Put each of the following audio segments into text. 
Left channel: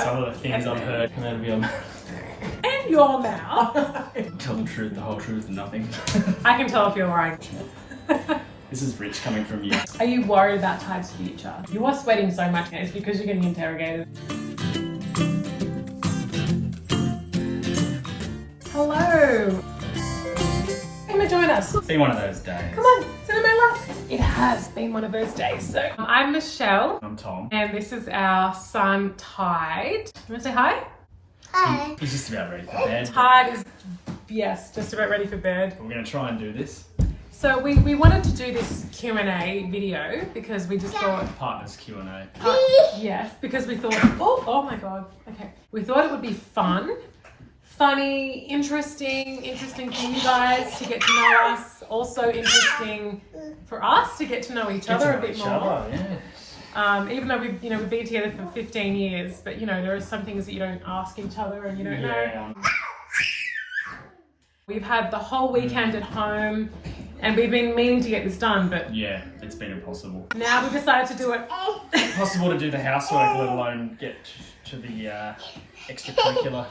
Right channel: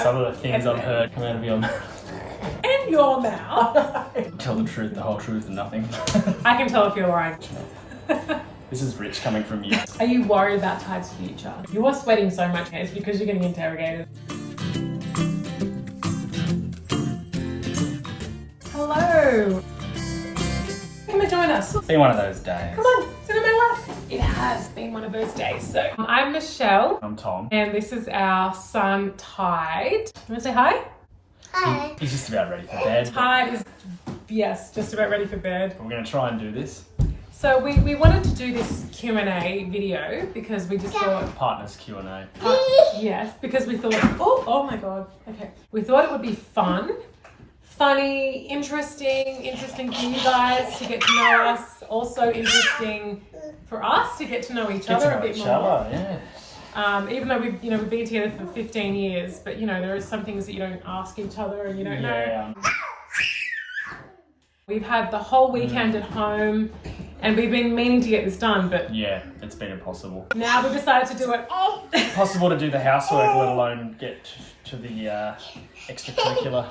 Some of the things I've heard come out of your mouth. And your mouth. Tell the truth, the whole truth, and nothing. I can tell if you're lying. This is rich coming from you. Are you worried about Tide's future? You are sweating so much, guys, because you're getting interrogated. Hello. Come and join us. It's been one of those days. Come on, sit in my lap. It has been one of those days. So I'm Michelle. I'm Tom. And this is our son, Tide. You want to say hi? Hi. He's just about ready for bed. Tide is, yes, just about ready for bed. We're going to try and do this. So we wanted to do this Q&A video because we just thought... Partners Q&A. Yes, because we thought... Oh my God. Okay. We thought it would be fun, funny, interesting for you guys to get to know us. Also interesting for us to get to know each other a bit more. Yeah. Even though we've been together for 15 years, but there are some things that you don't ask each other and you don't know. We've had the whole weekend at home and we've been meaning to get this done, but yeah, it's been impossible. now we've decided to do it. Impossible to do the housework, let alone get to the extracurricular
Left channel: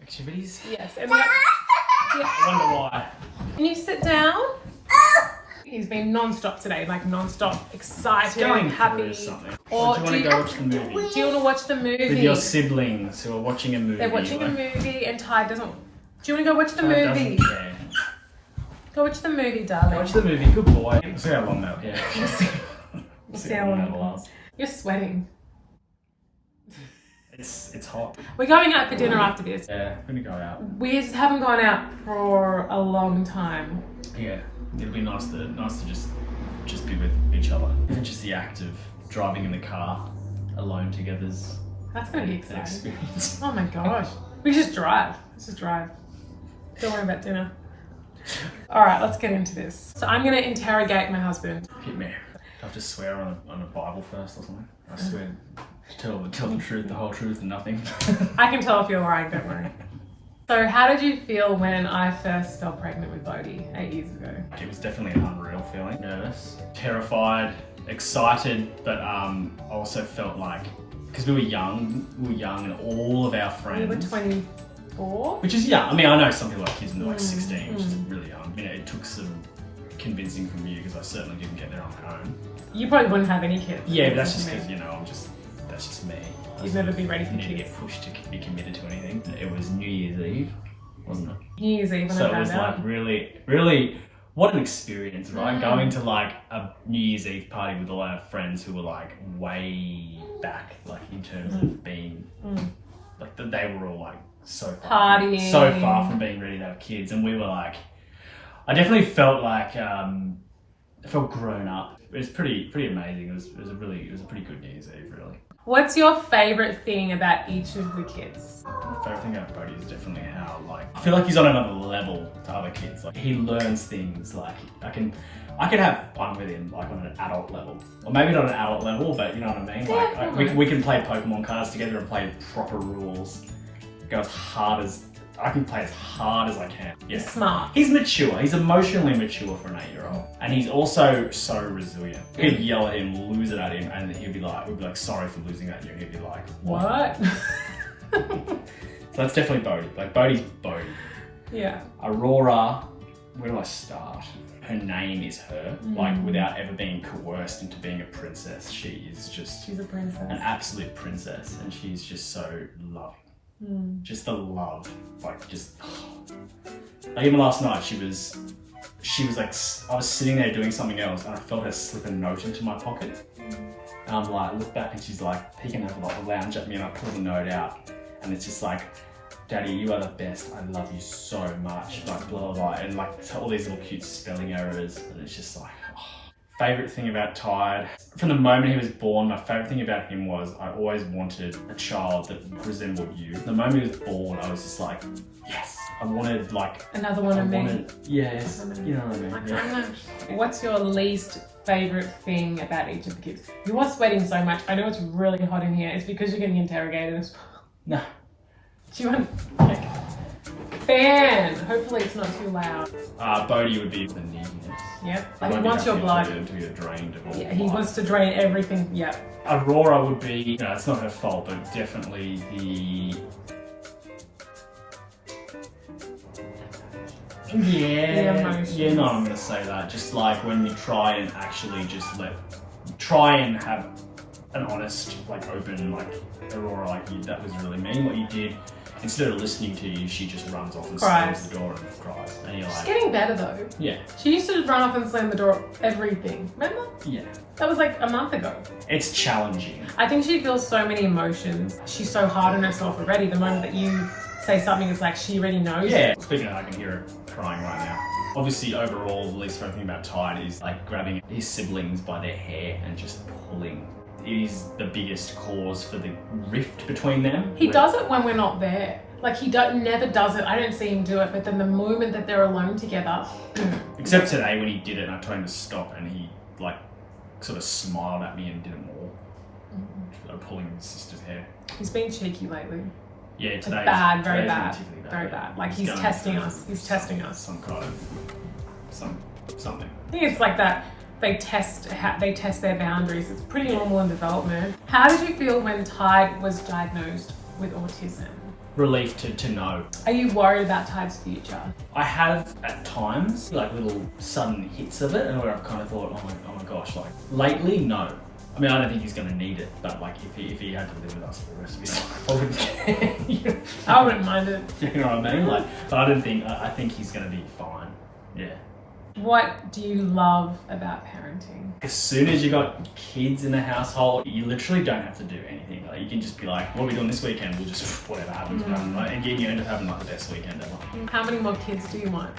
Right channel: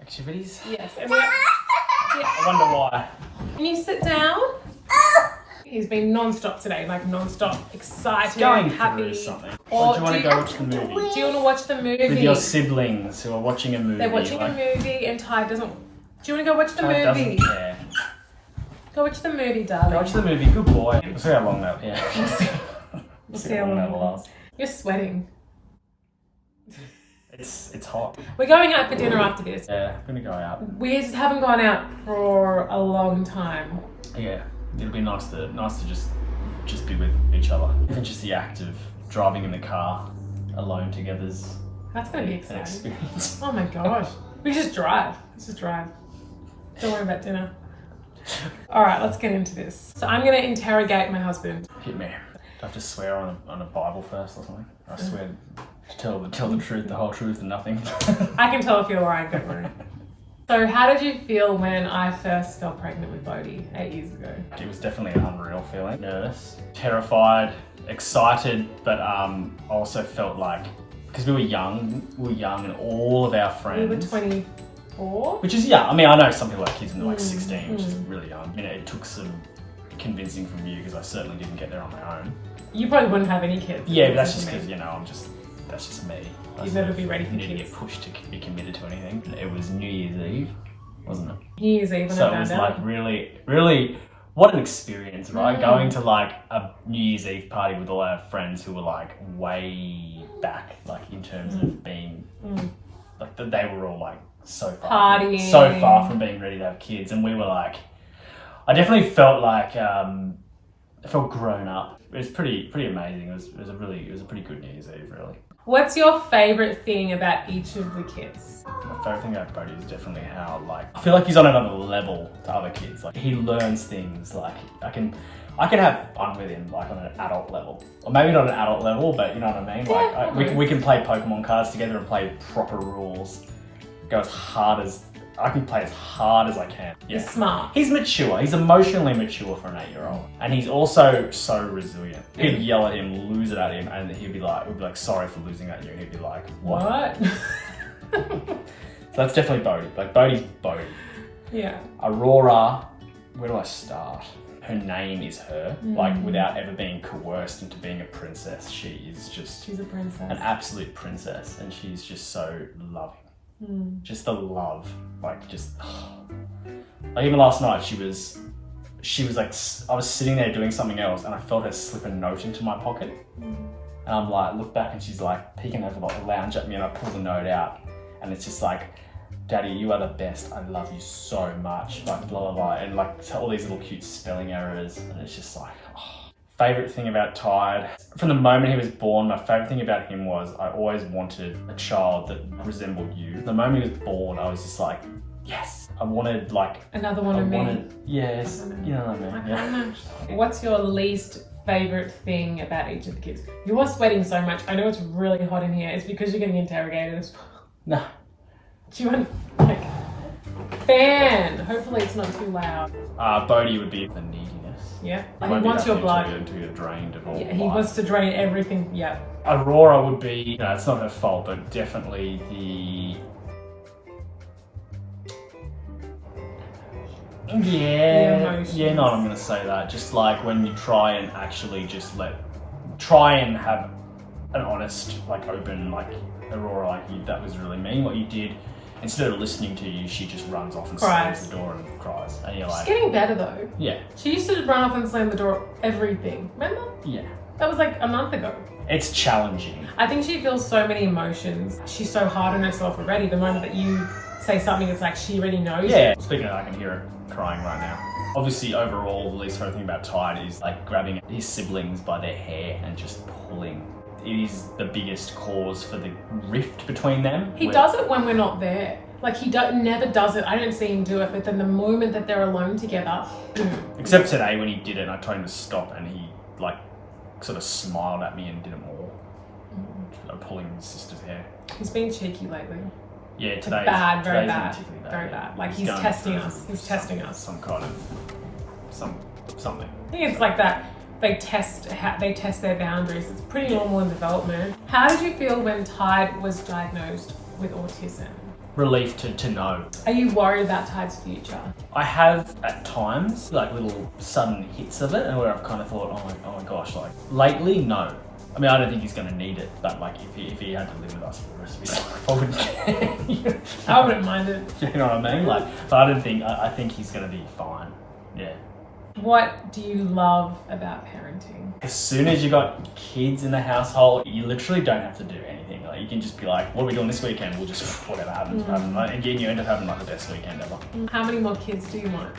activities. Yes. And I wonder why. can you sit down? He's been non-stop today, like non-stop excited, Going happy. through something. Or do you want to go watch the movie? Do you want to watch the movie? With your siblings who are watching a movie. They're watching a movie and Ty doesn't... Do you want to go watch the Tide movie? doesn't care. Go watch the movie, darling. Watch the movie, good boy. We'll see how long that, We'll see how long that will last. You're sweating. It's hot. We're going out for dinner after this. Yeah, I'm gonna go out. We just haven't gone out for a long time. Yeah, it'll be nice to just be with each other. Even just the act of driving in the car alone together's That's going to be an exciting. experience. Oh my gosh. We just drive. Let's just drive. Don't worry about dinner. All right, let's get into this. So I'm going to interrogate my husband. Hit me. I have to swear on a Bible first or something. I swear, tell the truth, the whole truth, and nothing. I can tell if you're lying, don't worry. So how did you feel when I first fell pregnant with Bodhi 8 years ago? It was definitely an unreal feeling. Nervous, terrified, excited, but also felt like, because we were young and all of our friends... We were 24? Which is young. I mean, I know some people have kids when they're like 16, which is really young. I mean, it took some convincing from you because I certainly didn't get there on my own. You probably wouldn't have any kids. Yeah, but that's just because, that's just me. You'd never be ready for kids. You need to kids. get pushed to be committed to anything. It was New Year's Eve, wasn't it? New Year's Eve when So I it found was out. like really, what an experience, right? Going to like a New Year's Eve party with all our friends who were like way back, like in terms of being, like they were all like so far from being ready to have kids, and we were like, I definitely felt like I felt grown up. It was pretty amazing. It was a pretty good New Year's Eve, really. What's your favourite thing about each of the kids? My favourite thing about Bodhi is definitely how, like, I feel like he's on another level to other kids. Like, he learns things, like, I can have fun with him, like, on an adult level. Or maybe not an adult level, but you know what I mean? Like, we can play Pokemon cards together and play proper rules. Go as hard as... I can play as hard as I can. Yeah. He's smart. He's mature. He's emotionally mature for an 8-year-old. And he's also so resilient. He'd yell at him, lose it at him, and he'd be like, sorry for losing at you. And he'd be like, what? So that's definitely Bodhi. Like, Bodhi's Bodhi. Yeah. Aurora, where do I start? Her name is her. Like, without ever being coerced into being a princess, she is just... She's a princess. An absolute princess. And she's just so loving. Just the love, like just, like even last night she was like, I was sitting there doing something else and I felt her slip a note into my pocket. And I'm like, look back and she's like peeking over the lounge at me and I pull the note out and it's just like, Daddy, you are the best. I love you so much. Like blah, blah, blah. And like all these little cute spelling errors. And it's just like, Favourite thing about Tide, from the moment he was born, my favourite thing about him was I always wanted a child that resembled you. The moment he was born, I was just like, yes. I wanted like... Another one of me. Yes, you know what I mean. Yeah. What's your least favourite thing about each of the kids? You are sweating so much. I know it's really hot in here. It's because you're getting interrogated as well. No. Do you want... Okay. fan. Hopefully it's not too loud. Bodhi would be the neediness. Yeah, like he wants your blood. Until you're drained of all Yeah, he life. wants to drain everything. Yeah. Aurora would be, you know, it's not her fault, but definitely the... Yeah, no, I'm gonna say that. Just like when you try and actually just try and have an honest, like open, like Aurora, like that was really mean what you did. Instead of listening to you, she just runs off and slams the door and cries. And you're like, she's getting better though. Yeah. She used to run off and slam the door, everything. Remember? Yeah. That was like a month ago. It's challenging. I think she feels so many emotions. She's so hard on herself already. The moment that you say something, it's like she already knows. Yeah. Speaking of, I can hear her crying right now. Obviously, overall, the least favorite thing about Tide is like grabbing his siblings by their hair and just pulling. It is the biggest cause for the rift between them. He does it when we're not there. Like he never does it. I don't see him do it, but then the moment that they're alone together. Except today when he did it and I told him to stop and he like sort of smiled at me and did it more. Pulling his sister's hair. He's been cheeky lately. Yeah, today. Like bad, very bad. Particularly Very bad. Like he's testing us. He's testing us. Some kind of something. I think it's like that. They test their boundaries. It's pretty normal in development. How did you feel when Tide was diagnosed with autism? Relief to know. Are you worried about Tide's future? I have at times like little sudden hits of it, and where I've kind of thought, oh my gosh, like lately, no. I mean, I don't think he's going to need it, but like if he had to live with us for the rest of his life, I wouldn't care. I wouldn't mind it. You know what I mean? Like, but I think he's going to be fine. Yeah. What do you love about parenting? As soon as you got kids in the household, you literally don't have to do anything. Like you can just be like, what are we doing this weekend? We'll just, whatever happens, happen. Like, and then you end up having like the best weekend ever. How many more kids do you want?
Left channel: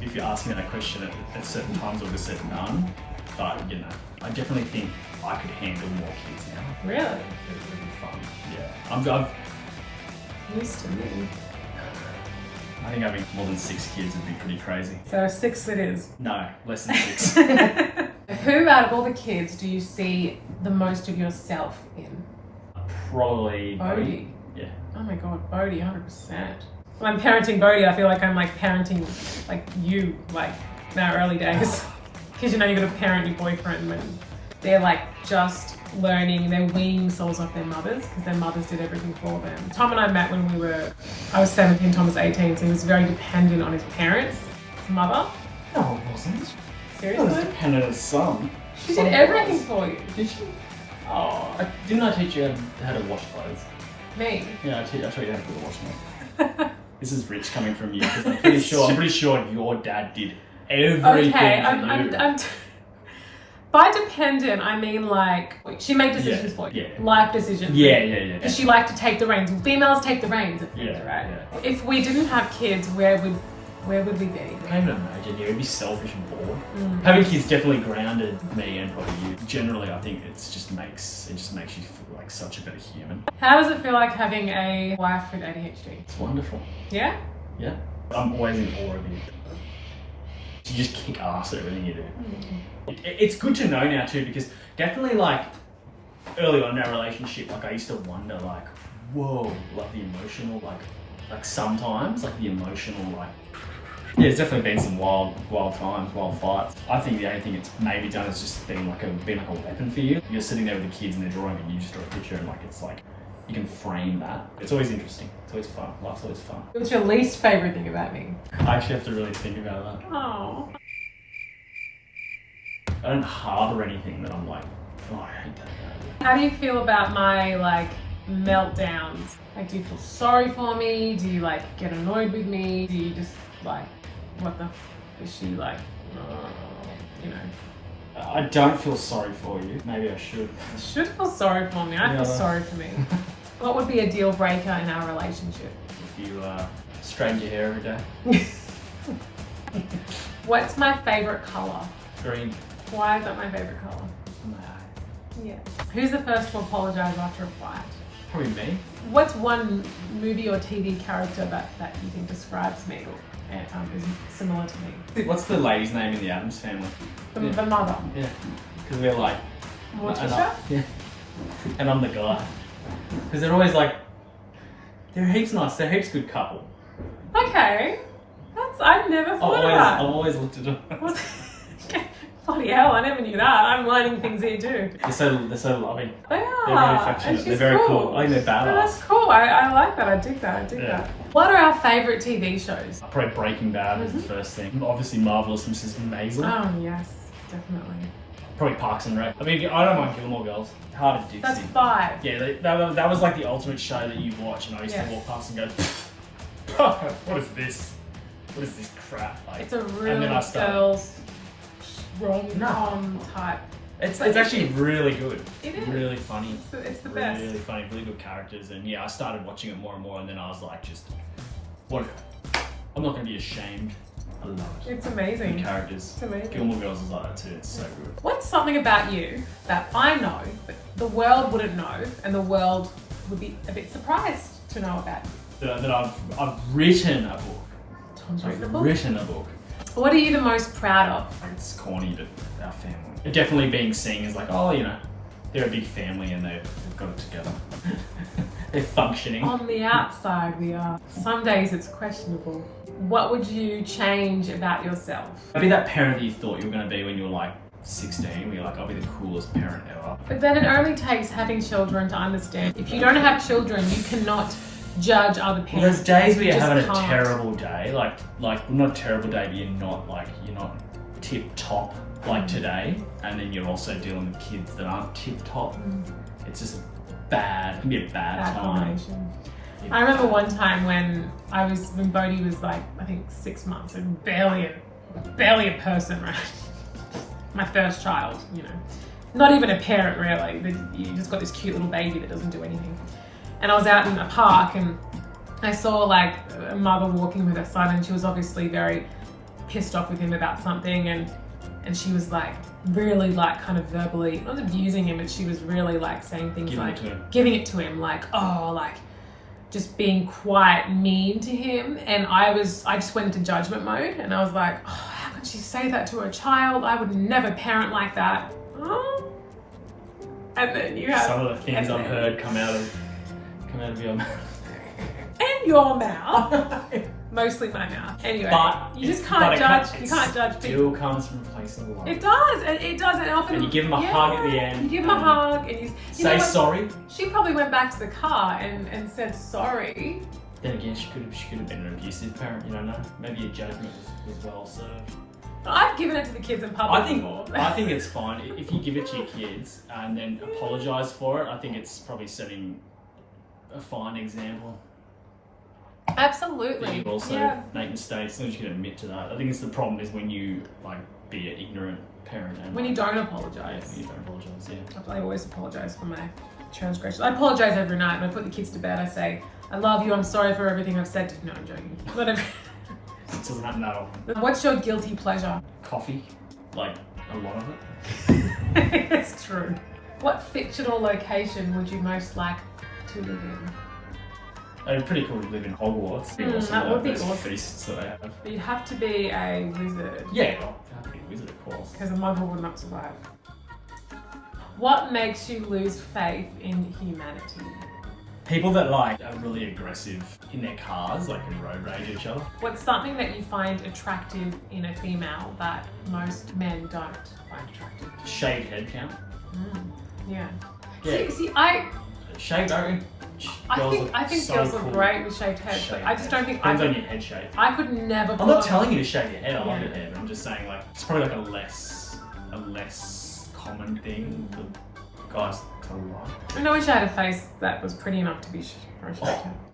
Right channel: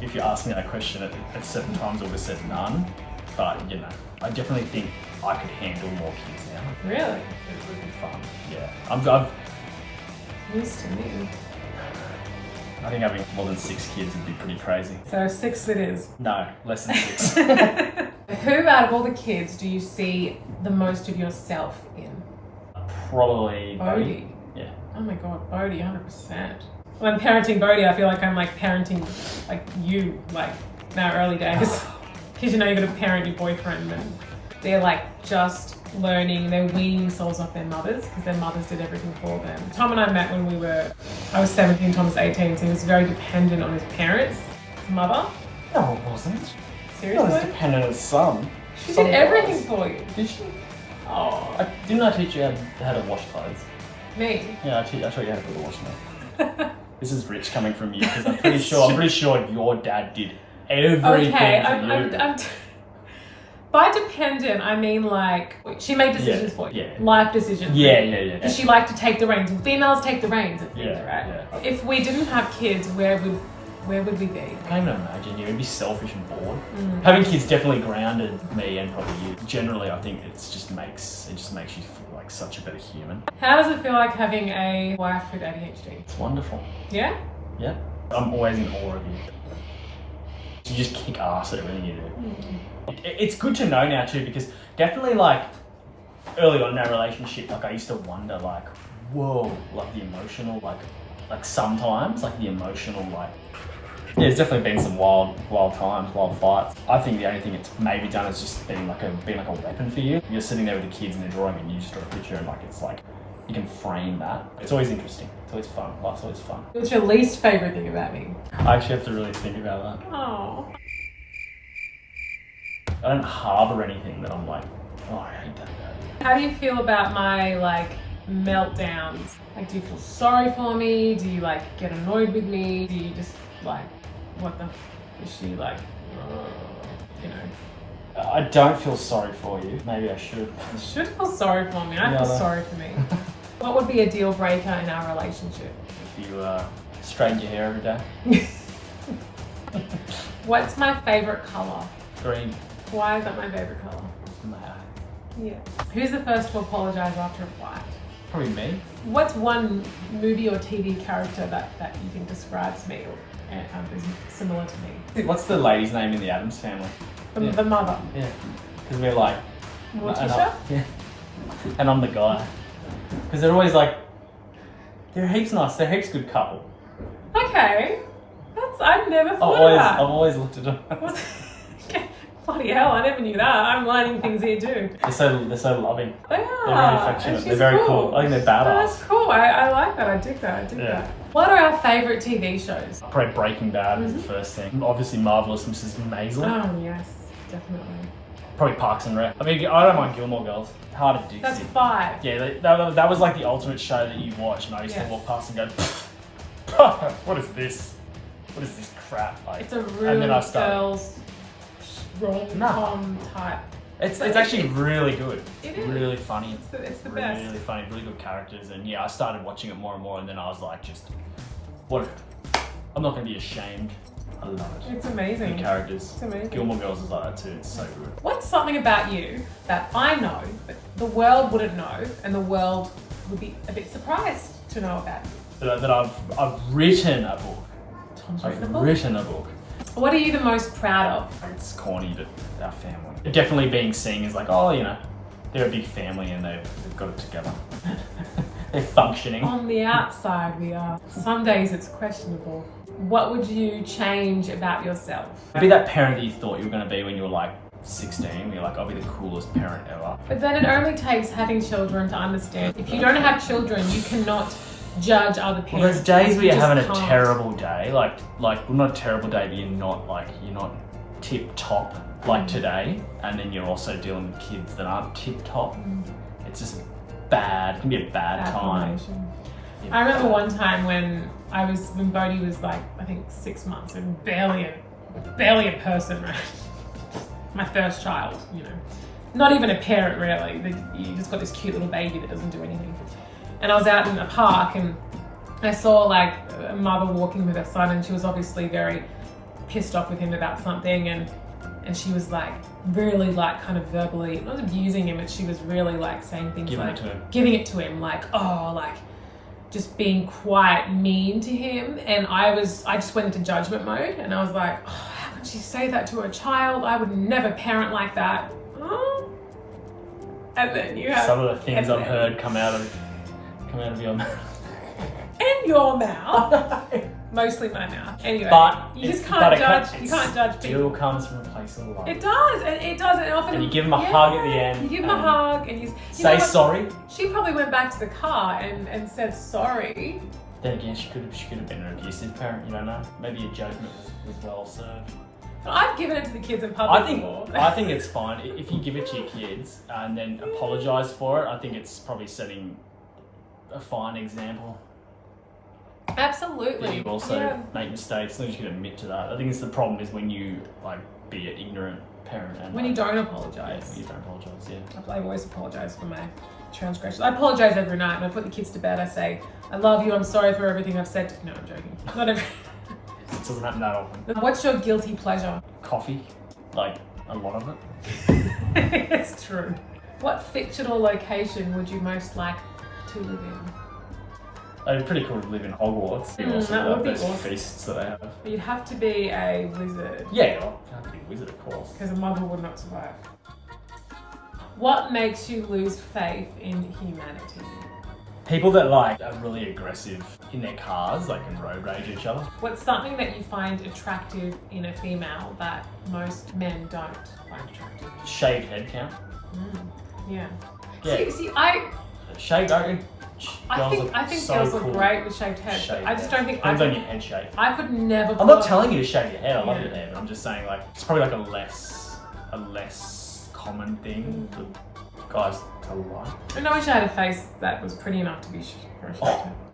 If you ask me that question at certain times, I would have said none. But, you know, I definitely think I could handle more kids now. Really? It would be fun. Yeah. News to me. I think having more than 6 kids would be pretty crazy. So 6 it is. No, less than 6. Who out of all the kids do you see the most of yourself in? Probably Bodhi. Yeah. Oh my god, Bodhi, 100%. When I'm parenting Bodhi, I feel like I'm like parenting like you, like in our early days. Because you know you're gonna parent your boyfriend when they're like just learning, they're weaning themselves off their mothers because their mothers did everything for them. Tom and I met when I was 17, Tom was 18, so he was very dependent on his parents' mother. No, it wasn't. Seriously? I was dependent on his son. She did everything for you. Did she? Oh. Didn't I teach you how to wash clothes? Me? Yeah, I taught you how to put the washing on. This is rich coming from you because I'm pretty sure your dad did everything. Okay, I'm by dependent, I mean like she made decisions for you, life decisions. Yeah. Does she like to take the reins? Females take the reins of things, right? Yeah. If we didn't have kids, where would we be? I can't even imagine. You'd be selfish and bored. Having kids definitely grounded me and probably you. Generally, I think it just makes you feel like such a better human. How does it feel like having a wife with ADHD? It's wonderful. Yeah? Yeah. I'm always in awe of you. You just kick ass at everything you do. It's good to know now too, because definitely like early on in our relationship, like I used to wonder like, whoa, like the emotional, like sometimes like the emotional, like, yeah, there's definitely been some wild times, wild fights. I think the only thing it's maybe done is just being like a weapon for you. You're sitting there with the kids and they're drawing and you just draw a picture and like it's like you can frame that. It's always interesting. It's always fun. Life's always fun. What's your least favourite thing about me? I actually have to really think about that. Oh. I don't harbour anything that I'm like, oh, I hate that about you. How do you feel about my like meltdowns? Like, do you feel sorry for me? Do you like get annoyed with me? Do you just like, what the is she like, you know? I don't feel sorry for you. Maybe I should. You should feel sorry for me. I feel sorry for me. What would be a deal breaker in our relationship? If you straighten your hair every day. What's my favourite colour? Green. Why is that my favourite colour? My eye. Yeah. Who's the first to apologise after a fight? Probably me. What's one movie or TV character that you think describes me or is similar to me? What's the lady's name in the Addams Family? The mother. Yeah. Because we're like... Morticia? Yeah. And I'm the guy. Because they're always like... They're heaps nice. They're heaps good couple. Oh Okay. I've never thought of that. I've always looked at them. What's, bloody hell, I never knew that. I'm learning things here too. They're so loving. They They're are. very affectionate. They're very cool. I think they're badass. That's cool. I like that. I dig that. Yeah. What are our favourite TV shows? Probably Breaking Bad is the first thing. Obviously, Marvelous Mrs. Maisel. Oh, yes. Definitely. Probably Parks and Rec. I mean, I don't mind Gilmore Girls. Hard to Dixie. That's 5. Yeah, that was like the ultimate show that you watch, and I used to walk past and go, what is this? What is this crap? Like, It's a really girls rom-com type. It's actually really good. It is. Really funny. It's the really, best. really funny. Really good characters. And yeah, I started watching it more and more, and then I was like, what? I'm not going to be ashamed. I love it. It's amazing. The characters. It's amazing. Gilmore Girls is like that too. It's so good. What's something about you that I know, but the world wouldn't know, and the world would be a bit surprised to know about you? That I've written a book. Tom's I've written a book. written a book. What are you the most proud of? Like, it's corny, but our family. Definitely being seen as like, oh, you know, they're a big family and they've got it together. They're functioning. On the outside, we are. Some days it's questionable. What would you change about yourself? Be that parent that you thought you were going to be when you were like 16. Where you're like, I'll be the coolest parent ever. But then it only takes having children to understand. If you don't have children, you cannot judge other parents. Well, there's days where you're You just having a can't. terrible day, like well, not a terrible day, but you're not tip top like today, and then you're also dealing with kids that aren't tip top. It's just bad. It can be a bad time. Combination. Yeah. I remember one time when Bodhi was like, I think 6 months and barely a person, right? My first child, you know. Not even a parent really. You just got this cute little baby that doesn't do anything. And I was out in a park and I saw like a mother walking with her son, and she was obviously very pissed off with him about something, and she was like really like kind of verbally, not abusing him, but she was really like saying things giving it to him, like, oh, like just being quite mean to him. And I just went into judgment mode, and I was like, oh, how could she say that to a child? I would never parent like that. Oh. And then you have some of the things I've heard come out of your mouth. And your mouth. Mostly my mouth. Anyway, but you just can't judge. You can't judge people. It still comes from a place of love. It does, and often. And you give them a hug at the end. You give them a hug, and you say sorry. She probably went back to the car and said sorry. Then again, she could have been an abusive parent. You don't know. Maybe a judgment was well served. I've given it to the kids in public before. I think it's fine if you give it to your kids and then apologise for it. I think it's probably setting a fine example. Absolutely. You also make mistakes, as long as you can admit to that. I think it's the problem is when you like be an ignorant parent and when you don't apologise. When you don't apologise, yeah. I always apologise for my transgressions. I apologise every night when I put the kids to bed. I say, I love you, I'm sorry for everything I've said. No, I'm joking. Not every... It doesn't happen that often. What's your guilty pleasure? Coffee. Like, a lot of it. It's true. What fictional location would you most like to live in? It'd be pretty cool to live in Hogwarts. That would be awesome. Feasts that they have. But you'd have to be a wizard. Yeah, well, you have to be a wizard, of course. Because a muggle would not survive. What makes you lose faith in humanity? People that like are really aggressive in their cars, like can road rage each other. What's something that you find attractive in a female that most men don't find attractive? Shaved head count. Yeah. Yeah. See, Shaved, I think so girls cool. look great with shaved heads, but I just don't think Depends on your head shape. I could never. I'm not telling you to shave your head. I love your hair, but I'm just saying like it's probably like a less common thing for guys to like. I wish I had a face that was pretty enough to be for a shaved head.